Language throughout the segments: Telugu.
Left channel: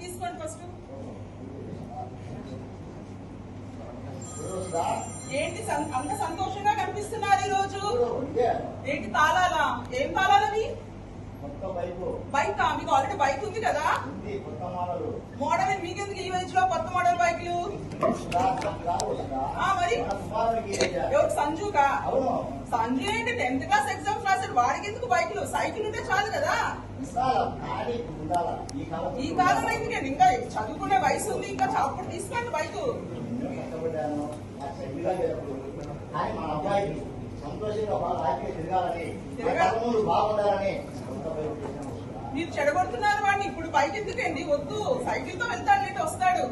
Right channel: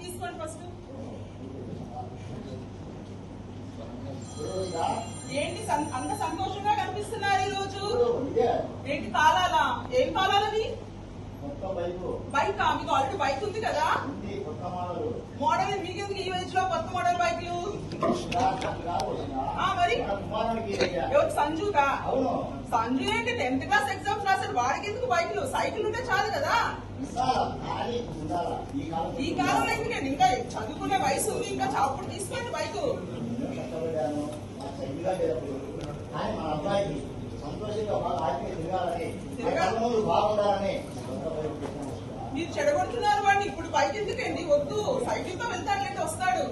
తీసుకోండి ఫస్ట్. ఏంటి అంత సంతోషంగా కనిపిస్తున్నారు ఈ రోజు? ఏంటి తాళాలా? ఏం తాళాలవి? బైక్ మీకు ఆల్రెడీ బైక్ ఉంది కదా? మోడల్ మీకెందుకు ఈ వయసులో కొత్త మోడల్ బైక్లు? మరి ఎవరు? సంజుకా? సంజు ఏంటి 10th క్లాస్ ఎగ్జామ్స్ రాశాడు, వాడికి ఎందుకు బైక్లు? సైకిల్ ఉంటే చాలు కదా. ఈ కాలంలో ఇంకా చదువుకునే వయసు ఉంది, ఇంకా అప్పుడు తీసుకోండి బైక్. మన అబ్బాయికి సంతోషంగా బాగా హ్యాపీగా తిరగాలని, ముందు బాగుండాలని మీరు చెడగొడుతున్నారు వాడిని. ఇప్పుడు బైక్ ఎందుకండి? వద్దు, సైకిల్ తో వెళ్తాడంటే వస్తాడు.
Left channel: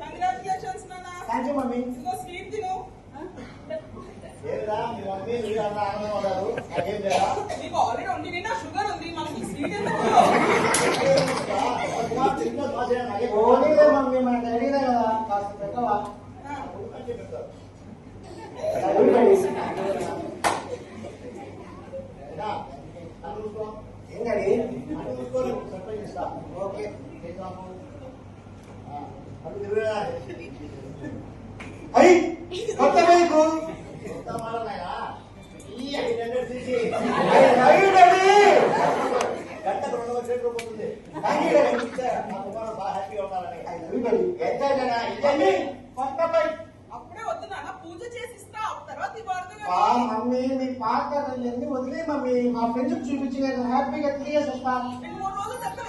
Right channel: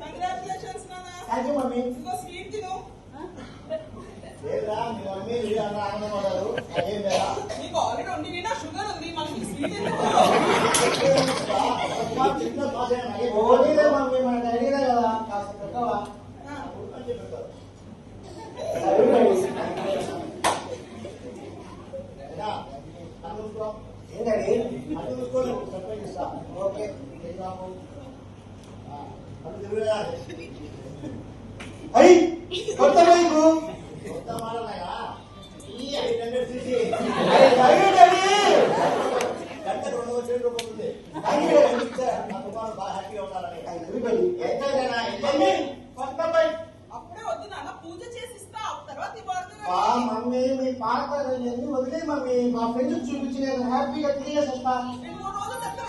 కంగ్రాచులేషన్స్ నాన్న. స్వీట్ తిను. మీకు ఆల్రెడీ ఉంది, నిన్న షుగర్ ఉంది, మనకి స్వీట్ ఎందుకు? కొత్త బైకు గంటకు 200 పోతుంది. బాగా హ్యాపీగా ఉండాలని కొత్త బైక్. అప్పుడే వద్దు నాన్న, పూజ చేసి ఇస్తా, తర్వాత ఇవ్వదు. మమ్మీ మీ పాత ఎన్ని వదిలే మమ్మీ, మా ఫ్రెండ్స్ చూపించి నేను హ్యాపీగా తిరిగేసి వస్తా. 2-3 రోజులు చెప్తా.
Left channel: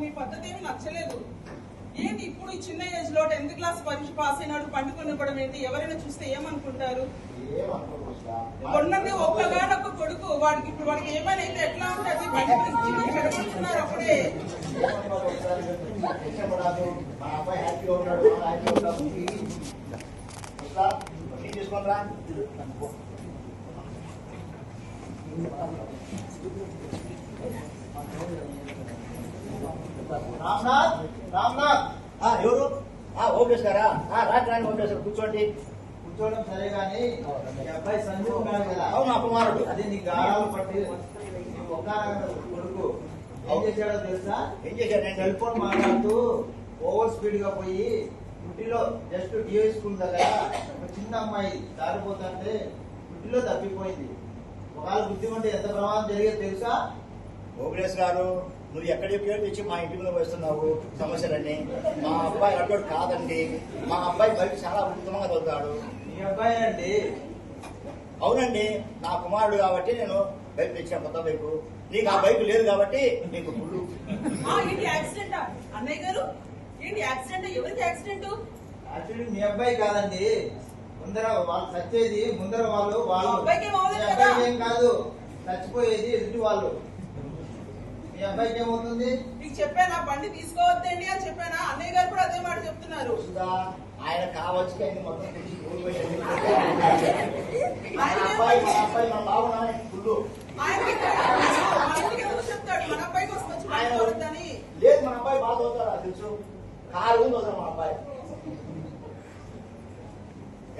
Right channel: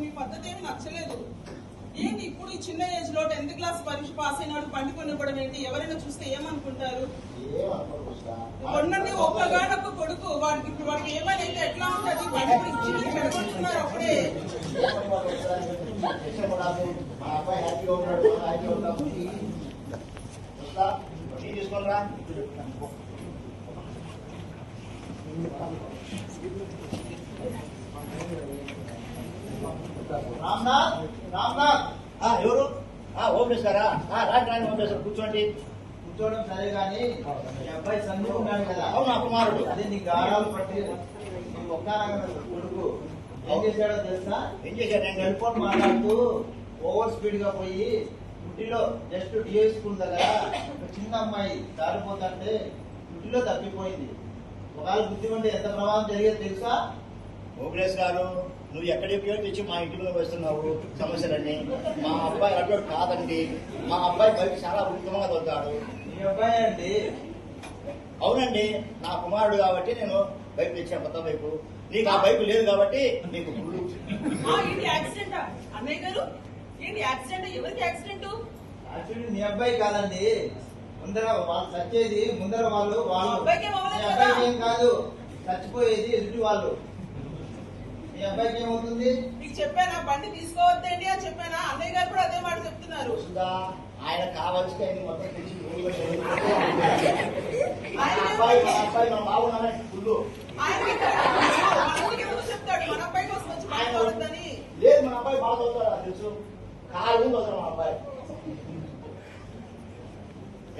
మీ పద్ధతి ఏమి నచ్చలేదు. ఏంటి ఇప్పుడు ఈ చిన్న ఏజ్ లో 10th క్లాస్ పరీక్ష పాస్ అయినాడు పండుకొని ఇవ్వడం ఏంటి? ఎవరైనా చూస్తే ఏమనుకుంటారు? కొన్నండి ఒక్కగానొక్క కొడుకు, వాడికి ఏమైనా అయితే ఎట్లా ఉంటుంది? పండుగ ఇచ్చి చెడగొడుతున్నారు అప్పుడే. రామ్నాథ్ ఎవరు? ఓకే సారా, రాని ఓకేసారు. కూర్చోండి. కూర్చోవడం సరే గాని ఈ అబ్బాయి సంజు ఉన్నాడు కదా? అవును, నా కుమారుడు. అదే నీకు గారాలు పట్టి ఒక్క కొడుకు ఏం చేశాడో తెలుసా? ఏం చేశాడు? నేను టెలిఫోన్ మాట్లాడుతూ ఓవర్ స్పీడ్ గా పోయి గుడ్డిలో జస్ట్ డిఐ స్కూల్ దగ్గర ఒక చిన్న అమ్మాయి దారిపోతుంటే గుడ్డిలో తప్పిపోయింది. ఒకవేళ బుద్ధిమంటే ఎంత ప్రమాదం జరిగేది తెలుసా? ఓగ్రేష్ గారు, నువ్వు ఎక్కడికి పేరు తెచ్చి మా ఇంటి మీద వస్తున్నావు సమస్యలన్నీ. మా అబ్బాయి అడ్డు కాదండి, మా అబ్బాయి బయట చాలా ఉత్తమంగా చదువుతాడు. మీ అబ్బాయి అండి? అవునండి, నా కుమారుడు కాబట్టి నేను బైక్ తెచ్చిన, కొత్త బైకు. నీకు ఆ బైక్ లేదు కాబట్టి నీకు ఫుల్. ఏంటి యాక్సిడెంట్? అన్నయ్య గారు ఏంటి యాక్సిడెంట్? ఎవరికి యాక్సిడెంట్? యాక్సిడెంట్ మీ అబ్బాయి కాదండి, ముందర వాళ్ళు చచ్చేది. ముందర వాళ్ళు అబ్బాయికి ఏం కాదు, చచ్చిపోయేది ఎదుటి వాళ్ళు. మీ అబ్బాయికి ఏమవుతుంది? నీకు చెప్పానా బండి తీసుకోవద్దండి అని చెప్పానా? అన్నయ్య గారు కూడా అదే మాట చెప్తున్నారు. ఆయన కావచ్చు ఆయన మొత్తం తెచ్చి చెప్తాడు మన అబ్బాయి కోసం వచ్చి మాట్లాడొద్దని. లేదు, మన అబ్బాయి బాగా చదువుతారా తెలుసు, కాలు చదువుతారు మన అబ్బాయి.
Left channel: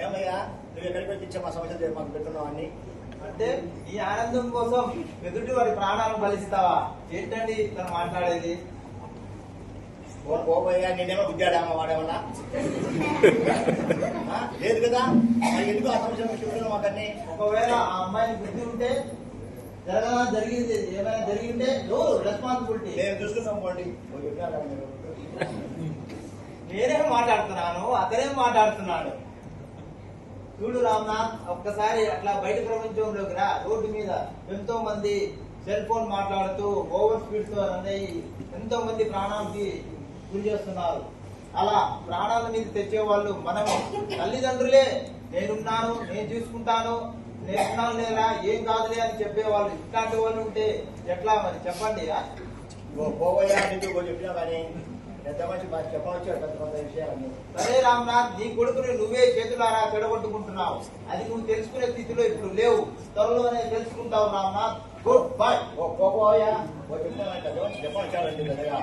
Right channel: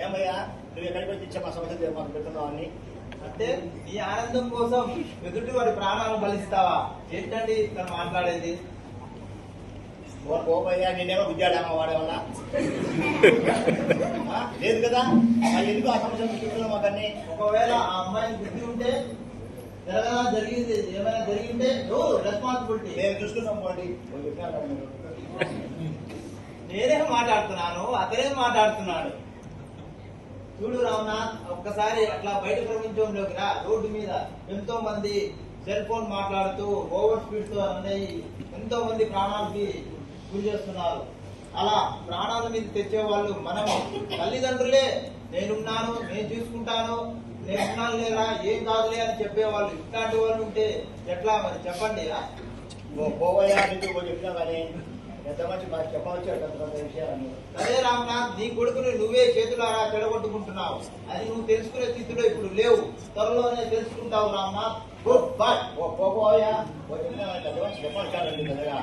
ఏమయ్యా నువ్వు ఎక్కడికి వచ్చి ఇచ్చా మా సమస్య మాకు పెట్టున్నావు అన్ని అంటే నీ ఆనందం కోసం ఎదుటి వాడి ప్రాణాలు బలిస్తావా? ఏంటండి ఇక్కడ మాట్లాడేది? పోబయ్యా, నేనేమో గుద్దాడామా వాడేమన్నా? లేదు కదా, ఎందుకు ఆ సమస్య చూస్తున్నావు మాకన్నీ? ఒకవేళ ఆ అమ్మాయిని బుద్ధి ఉంటే జరిగింది ఏమైనా జరిగింటే ఎవరు రెస్పాన్సిబిలిటీ? మేము చూస్తున్నాం పోండి. నేనేం మాట్లాడుతున్నాను, అతనేం మాట్లాడుతున్నాడు. చూడు రామ్నాథ్, ఒక్కసారి అట్లా బయట ప్రపంచంలోకి రా. రోడ్డు మీద ఎంతో మంది సెల్ ఫోన్ మాట్లాడుతూ ఓవర్ స్పీడ్ తో అనేవి ఎంతో మంది ప్రాణాలకి గురి చేస్తున్నారు. అలా ప్రాణాల మీద తెచ్చేవాళ్ళు మనము తల్లిదండ్రులే. నేనున్నాను, నేను చూసుకుంటాను, నేనున్నాను లేదా ఏం కాదులే అని చెప్పేవాళ్ళు ఇట్లాంటి వాళ్ళు ఉంటే ఎట్లా మరి చెప్పండి. పోవయ్యా నీకు చెప్పినా కానీ పెద్ద మంచి మాకు చెప్పవచ్చు పెద్ద విషయాలు. సరే రామ్నాథ్, నీ కొడుకుని నువ్వే చేతులారా చెడగొట్టుకుంటున్నావు. అది నువ్వు తెలుసుకునే స్థితిలో ఇప్పుడు లేవు. త్వరలోనే తెలుసుకుంటావు రామ్నాథ్. Good bye. పోవయ్యా చెప్పినా కానీ పెద్ద మంచి చెప్పాలి పెద్దగా.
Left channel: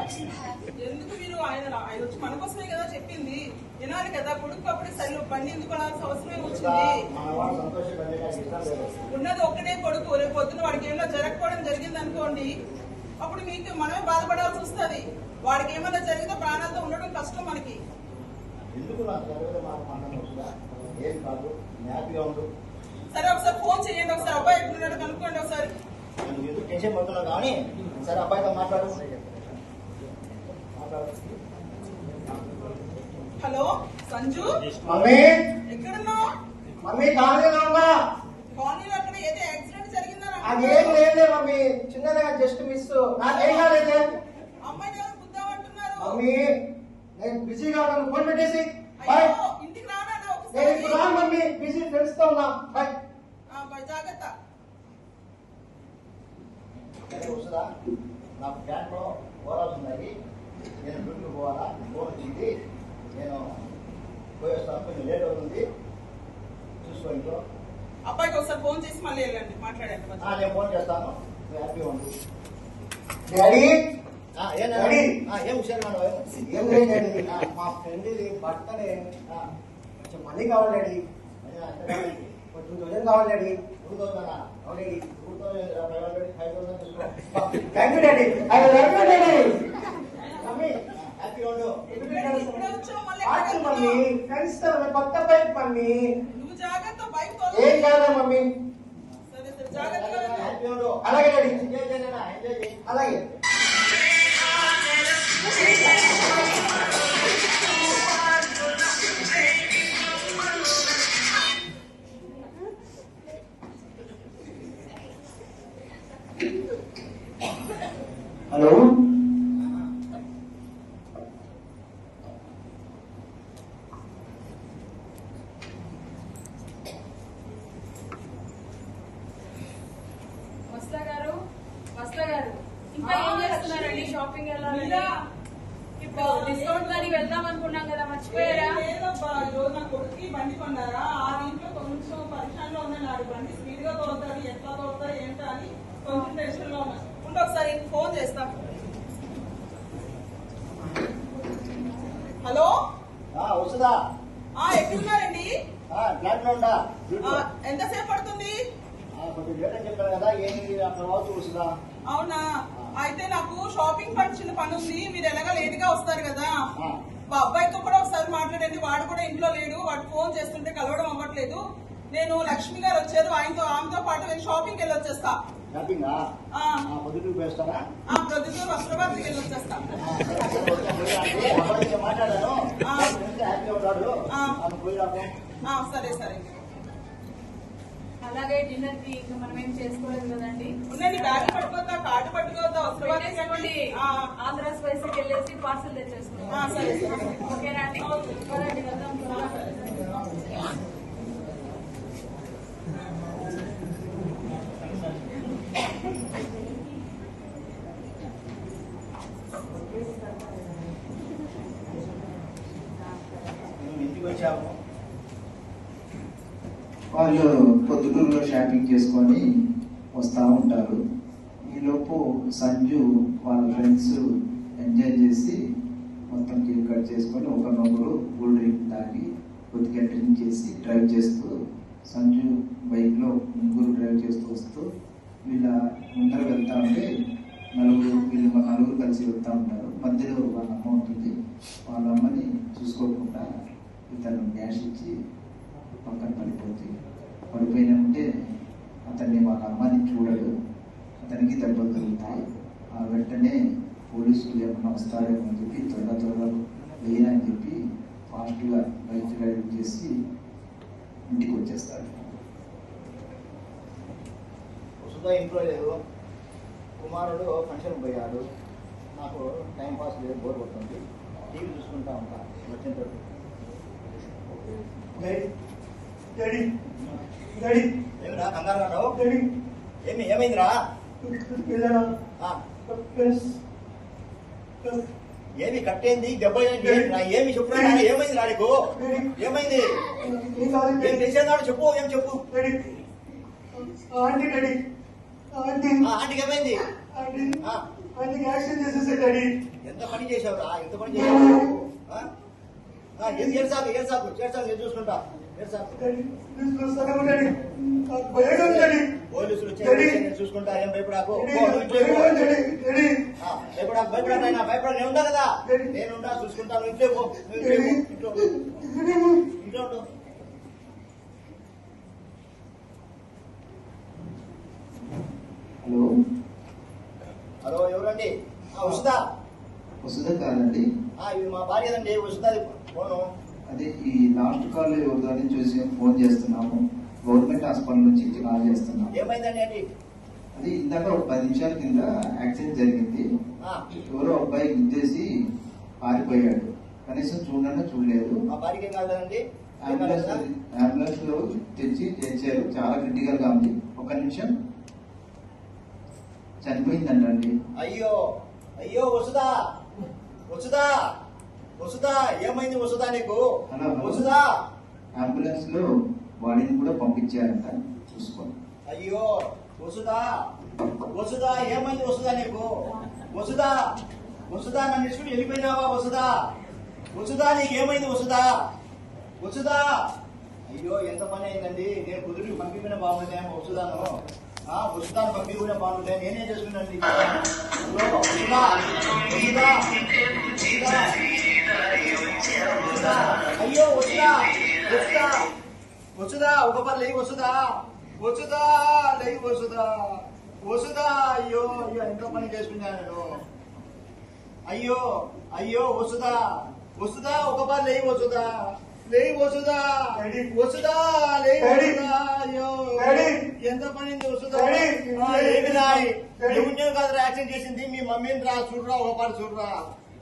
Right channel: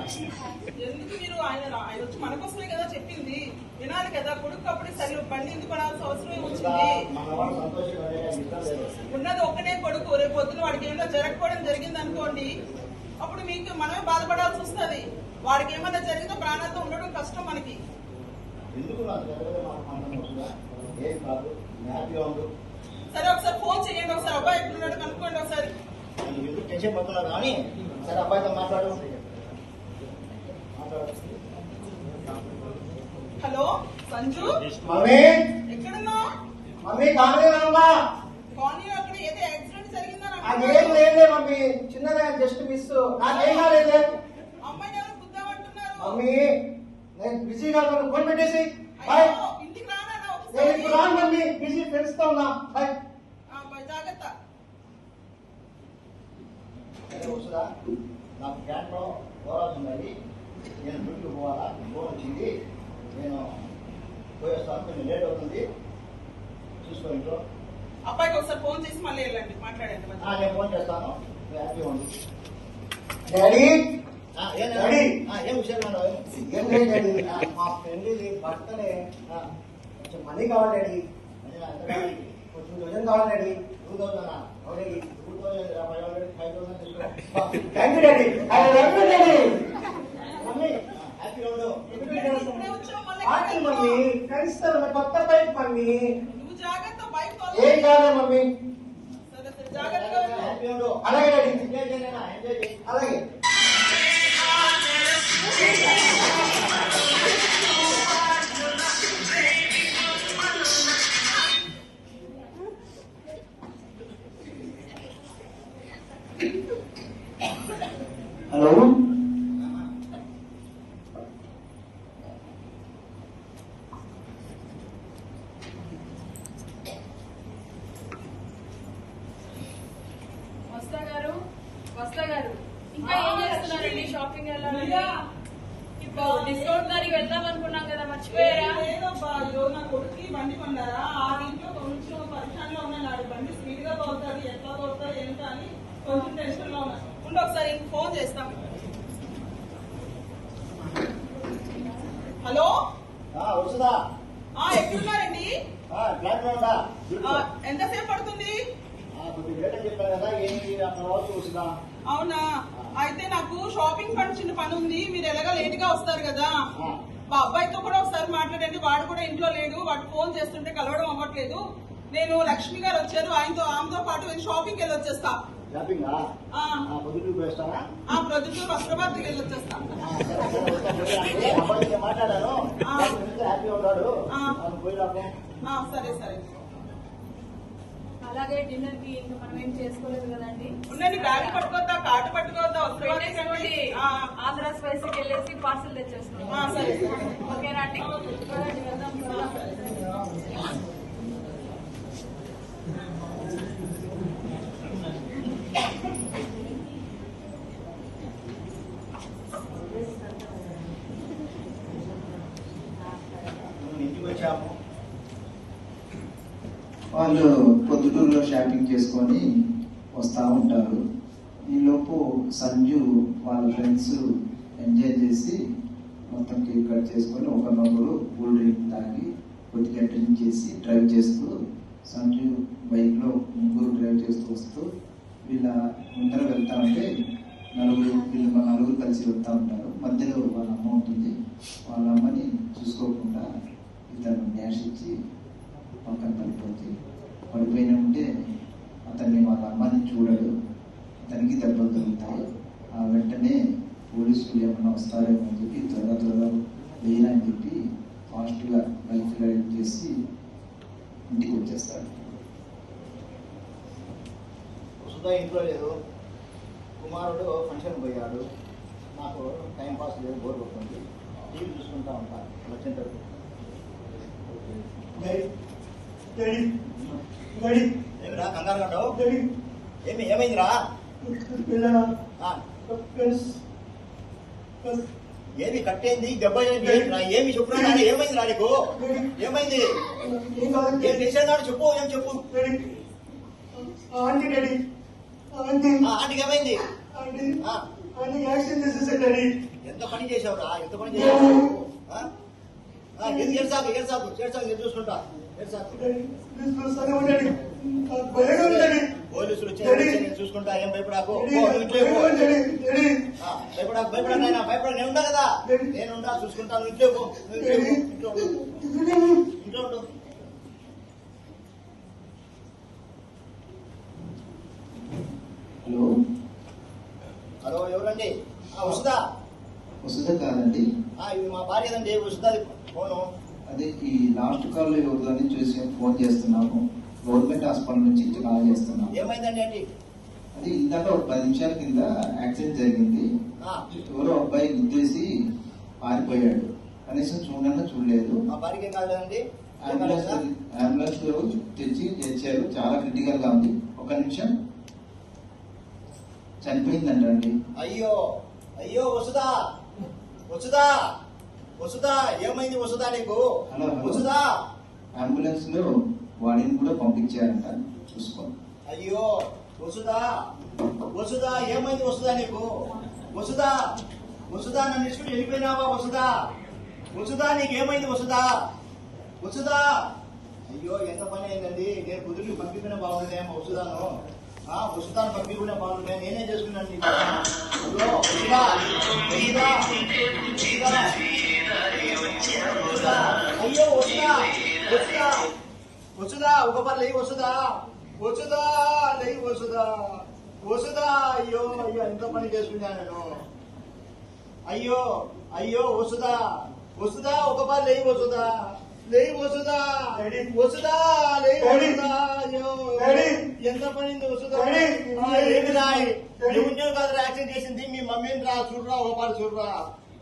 ఎందుకు మీరు ఆయన వచ్చి మన కోసమే కదా చెప్పింది, వినాలి కదా. కొడుకు అప్పుడు సరే బండి ఎందుకు కొనాల్సిన అవసరం వచ్చింది. మన వాళ్ళు సంతోషంగా ఉన్నది ఒక్కటే కొడుకు. రేపు పొద్దున వాడికి ఏమైనా జరగకపోవడం జరిగింది అనుకోండి, అప్పుడు మీకు మనమే బాధపడాల్సి వస్తుంది. వాడికి ఏమైనా జరిగితే ప్రాణాలతో ఉండడం కష్టం మనకి. ఎందుకు నాకు తెలియదు, మాకు ఆనందం వస్తుందా? ఏం కాదు, హ్యాపీగా ఉండు. సరే ఒకసారి ఫోన్ చేయండి, ఒకసారి అబ్బాయి ఎట్లున్నాడు కనుక్కోండి ఒకసారి. నేను ఎందుకు టెన్షన్ పడుతున్నాను కానీ సరే అబ్బాయితో మాట్లాడు. హలో సంజు, మమ్మీ ఎక్కడున్నావు? మమ్మీ కాలేదమ్మా. కాలనీలో అక్కడ ఏదో యాక్సిడెంట్ జరిగిందని అదేం లేదు మమ్మీ, చిన్నగా జస్ట్ మిస్. నాకేం కాలేదు. అమ్మాయిని ఎవరు గుద్దామంటున్నారు? మమ్మీ నేను బిజీగా ఉన్నాను, ఫోన్ పెట్టేసి బాయ్. అయ్యో, ఇంటికి రానా నేను ఒకసారి? ఇప్పుడు రాను మమ్మీ, బిజీ ఫ్రెండ్స్ తో ఉన్నా. బాయ్. జాగ్రత్త. వస్తుందా? నాకు క్యాంట్లో పోరాల్సి ఉన్నాయి. నేను డ్యూటీకి పోవాలా, ఫోన్ వచ్చింది. నేను పోయేస్తాను, కొంచెం లేట్ అవుతుంది. చూసుకో ఇంట్లో. అబ్బాయికి ఒకసారి ఫోన్ చేసి మళ్ళీ వెళ్ళండి, మాట్లాడండి. నేను ఫోన్ చేస్తాను, నువ్వు హ్యాపీగా ఉండు. డాడీ ఏం విషయాలు ఏం లేదండి, మా ఫ్రెండ్ బర్త్డే కొంచెం మనీ కావాలి డాడీ. కొంచెం 2000 కావాలి డాడీ. 2000 అవునండి. 500 తీసుకో. Thank you daddy. I love you daddy. Mummy హ్యాపీగా ఉండు. ఇప్పుడే వచ్చావు, మళ్ళీ పార్టీ ఎక్కడికి మమ్మీ, వెళ్తున్నావు? ఫ్రెండ్స్ తో కొత్త బైక్ మమ్మీ. నువ్వు జాగ్రత్త, బైక్ ఏం కాదు మమ్మీ. సరే సరే, జాగ్రత్తగా ఉండు. హ్యాపీగా ఉండు. అలాగే డాడీ, ఎంజాయ్ చేయలేనా? ఎంజాయ్ చేయి. అలాగే. హలో వస్తా గారు ఇంకా ఏం చేస్తున్నారండి? షాపింగ్ వెళ్ళాలని ఇప్పుడు డిస్కౌంట్ దానికి వెళ్దాం అనుకున్నాం కదా, మర్చిపోయారా? లేదబ్బా, అయ్యో నా కొడుకు బండి కొన్నారా, ఆ ఇంట్లో కొంచెం పరిశ్రమలో ఉన్నాడు. బండి స్పీడ్ గా తోలుతాడు, ఎట్లా తోలుతాడు ఏంటో అని కొంచెం టెన్షన్ లో ఉన్నా. ఉండి ఒకసారి ఫోన్ చేస్తాం. హలో, వస్తుందా? ఎక్కడున్నారండి? ఫ్లాట్ లో ఉందా? ఎంతసేపు పడుతుంది? కొంచెం లేట్ అని చెప్పాను కదా, ఏంటి అక్కడ రావచ్చు. వస్తుందా? అవునా, అయితే నాకు షాపింగ్ చిన్న పని ఉంది. మీరు ఎలాగా లేట్ గా వస్తారు కదా, మా అబ్బాయితో కూడా ఒకసారి మాట్లాడండి. వాడు కూడా ఇంట్లో లేడు, వాడు ఫోన్ చేస్తుంటే కలవడం అవ్వట్లేదు. నేను లక్ష్మి గారు వచ్చారు, ఆమెతో పాటు నేను షాపింగ్ వెళ్ళి వచ్చేస్తా. షాపింగ్ పొద్దుటూరు వేస్తారా? ప్రొద్దుటూరు వస్త్రభారతికి వెళ్ళి వచ్చేస్తా. మాట్లాడాను, హ్యాపీగా ఉన్నాడు. పోయి రాము. సరే సరే. అలాగే డిన్నర్ కి ఇంకా మనం ఏం చేసుకోలేదు కదండి. ఉండండి, బ్యాగ్ పట్టుకోద్దా, కార్డు పట్టుకోద్దా, వస్త్రభారతికి పెట్టేసుకోండి. ఆంధ్ర స్పైసీకి వెళ్ళేసి పార్సల్ తెచ్చేసుకున్నాం. సరే సరే. ఓకేనా అండి? పదండి, వెళ్దాం త్వరగా. ఇంటికి వచ్చాము. వాళ్ళు పొద్దుటూరులో షాపింగ్ చేసుకొని వస్తూ ఉంటారు. ఈలోపు సంజు వాళ్ళ ఫ్రెండ్స్ ఎంజాయ్ చేసి మొత్తం కేక్ కట్ చేసుకొని ఒకరినొకరు కూల్ డ్రింక్ తాగి కొద్దిగా డ్రింక్ చేసి డ్రైవ్ చేస్తూ సంజు బైక్లో ముగ్గురు డ్రైవ్ చేస్తూ వస్తూ వీళ్ళ ముందర వెళ్తా ఉంటే నలుగురు కలిసి వెళ్తూ ఉంటారు. మధ్యలో వాళ్ళ అమ్మ ఉంటుంది. వాళ్ళ అమ్మని చూసుకోకుండా ఇతను డ్యాష్ ఇచ్చి పక్కన పడిపోతుంది. పడిపోయినా ఉంటే అతన్ని వాళ్ళ అమ్మని చూడడు. అతనికి దెబ్బలు తగులుతాయి. వెంటనే పోలీసులు ఏమన్నా వస్తారేమో అని చెప్పి త్వరగా లేనని చెప్పి ఫాస్ట్గా బైక్ రైడ్ చేసి ఇంటికి వచ్చేస్తారు. వసుదా ఇంట్లో లేదు, కుమారుడు ఫంక్షన్ పోయాడు. నాకు టైం పాస్ లేదు, బోర్ కొడుతుంది, టీవీ చూసుకుంటా ఉంటా. వచ్చేంత ఏమిరా కంగారు కట్టావు? ఏమైందిరా? ఏమి కట్టేంది దెబ్బ? ఏమి చెప్పురా? ఏమైంది రా నీకు? ఏమైంది? ఏం తెలిసేదాడు చెప్పు, ఏం చెప్పు. ఆంటీకి ఏమైంది? ఎంత పని చేసావురా? ఎంత పని చేసావు? ఏడ్సాకు నేను చూసుకుంటా. పోలీసులు నేను చూసుకుంటా, ఏం భయపడాకు. భయపడా నేను ఉండా కదా, నేనుండా చూసుకుంటాను. ఇంట్లో హలో హలో, ఎవరండి? వసుదా? వసుదా కాదండి, ఇది మా భార్యదండి, వసుదాది ఫోను. అదే ఈ లాస్ట్ కాల్ ఎవరిని చూసి ఫోన్ చేస్తున్నాము. గవర్నమెంట్ హాస్పిటల్ నుంచి కాల్ చేస్తున్నాము. ఏమైందండి అండి? అది ఇందాక ఒక 10 నిమిషాల కింద యాక్సిడెంట్ జరిగింది. ఎవరో అబ్బాయి గుద్దేసి పారిపోయాడు. కనీసం చూడలేదు. మా భార్యకి ఏం కాలేదండి? అంబులెన్స్ లో తెచ్చారు. చాలా క్రిటికల్ గా ఉంది. 1 నిమిషం. చనిపోయిందండి. అయ్యో వసుదా ఏమైంది వసుదా నీకు? వసుదా అంబులెన్స్ లో బాడీని కూడా పంపించారంట, చూసుకోండి. అయ్యో వసుదా ఏమైంది వసుదా నీకు? వసుదా నన్ను ఇచ్చుకుని వెళ్ళిపోయినావా? వసుదా నీకేమైంది? వసుదా అయ్యో ఎంత పని అయిందండి. నేను కుదిరికి పంపిపోయినా బాగుండేమో వసుదాను. వసుదాను పంపిపోయినా బాగుండే, నేనేం చేసుకున్నాను? అయ్యో వసుదా ఒక పని లేవు. వసుదా అయ్యో ఎంత పని చేసుకున్నాను నేను. అయ్యో వసుదా ఒక పని లేవు. వసుదా అయ్యో ఎంత పనింది వసుదా? ఏమి రాయి ఉద్యోగం కాదు యాక్సిడెంట్ చేసింది మీ మమ్మీని రా. చూడరా ఒక పని,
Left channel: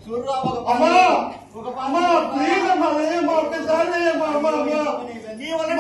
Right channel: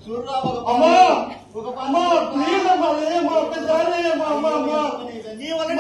చూడరా ఒక పని. నీ వల్ల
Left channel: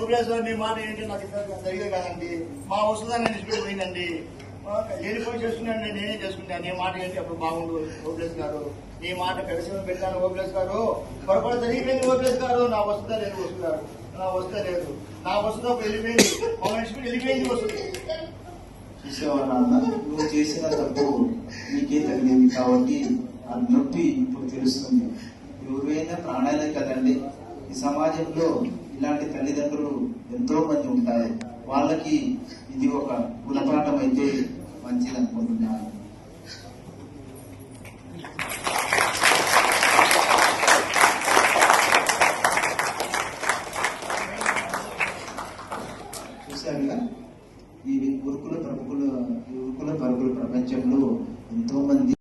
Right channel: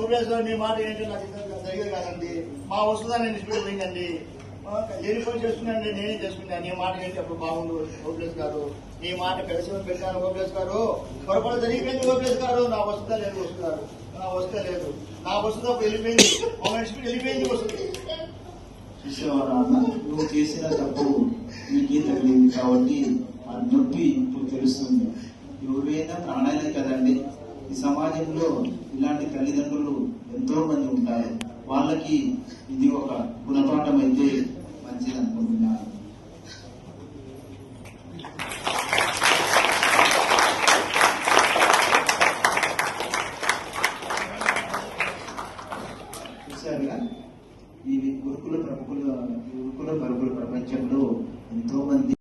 ఓబిఎస్ గారు మీ మాట ఏంటి నాకు సరిగా కాదండి. మా వస్తుందా నేను ఇష్టపడి పోయిందండి. లేనిపోయి చేసుకున్నాను, నేనే చేసుకుంటాను. నీ మాట ఏంటి అప్పుడు బాగుండు ఓబిఎస్ గారు. నీ మాట కలిసి పెట్టాను ఓబిఎస్ గారు. పొరపాటు జరిగిపోయింది ఓబిఎస్ గారు. నా వస్తుందా లేదు వస్తున్నారు, నా వస్తుందా లేదు, నా వస్తుందా వెళ్ళిపోయింది, మమ్మల్ని ఇష్టపడి వెళ్ళిపోయింది వస్తుంది. నువ్వు చేసిన తప్పు నీకే తగిలింది కాబట్టి ఆ నొప్పి ఇప్పుడు తెలుస్తుంది. ఎవరైనా ప్రాణాలే కదండి. ఈ సమాజంలో ఇలాంటి తల్లిదండ్రులు ఎంతో మంది ఉంటారు. వాళ్ళకి ఇది ఒక గుణపాఠం అయితే మంచిది అనుకుంటున్నాను. చూసారుగా, ఈ గురుకుల పరుగుల ప్రపంచంలో ఎంతో మంది